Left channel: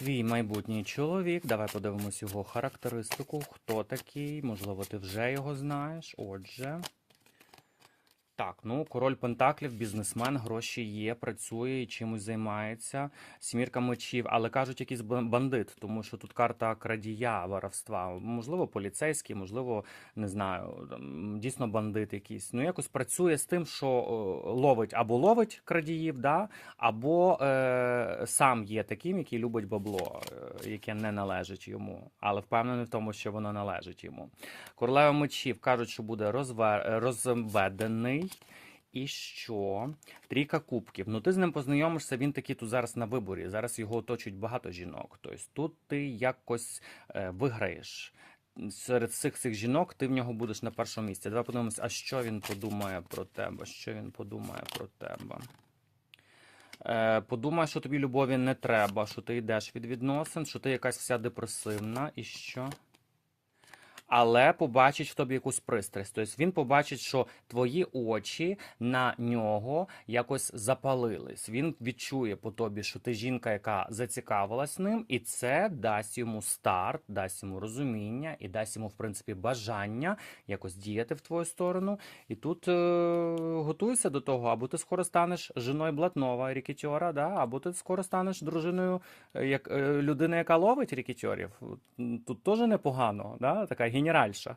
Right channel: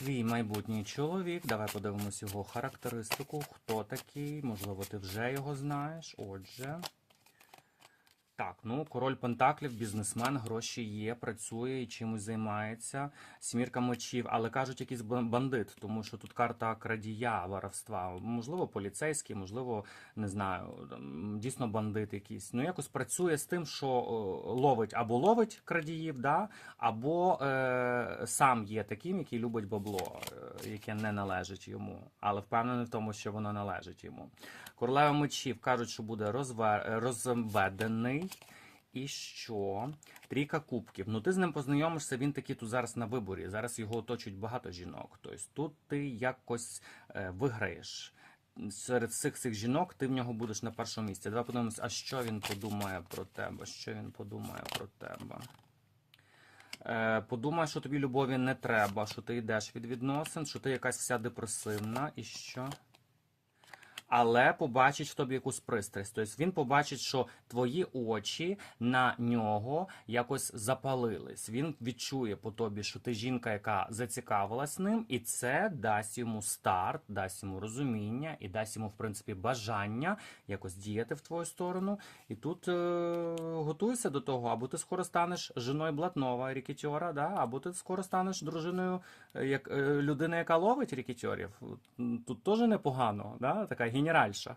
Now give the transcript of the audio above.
твій майбутній чоловік. Давай подивимось його характеристику. Хто такий? Можливо, ти вже його знаєш. Отже. Так, ну король Пентаклів, бізнесмен, гроші є, працює і чимось займається. Сімірка мечів, але кажуть, якийсь бан- бандит, тому що тут карта крадія, воровства. Можливо, поліцейський, можливо, не знаю, дійсно бандит якийсь. Ну якось працює з тим, що е, ловить або ловить крадіїв, да, або е, сам є таким, який любить бабло, е, яке не належить йому, але впевнений в тому, що воно належить йому. Королева мечів кажуть, що буде розве... розведений. І що? Трійка кубків. Ну ти з ним познайомишся, він такий тут зараз на виборі. Зараз його оточують багато жінок. Тобто тут ти якось е, виграєш. Серед всіх цих жінок ти в нього будеш на першому місці. Давай подивимось, а що він подумає про тебе? Що він подумає про тебе? Е, подумай, що тобі любові не треба, що ти йдеш від відносин, що ти якась вся депресивна і що. Але побачить в тобі якусь пристрасть. Тобто він побачить, що твої очі на нього якось запалились. Він відчує по тобі, що ти жінка, яка зацікавилась ним, і це дасть йому старт, дасть йому розуміння і дасть йому, в принципі, бажання якось діяти в твою сторону. І тут е- готуйся до того, або ти скоро станеш жіною блатнова рікетьора, да? або ти скоро станеш дружиною е, як, е, людини, яка ловить рікетьорів. Тут теж непогано, да? така генеральша.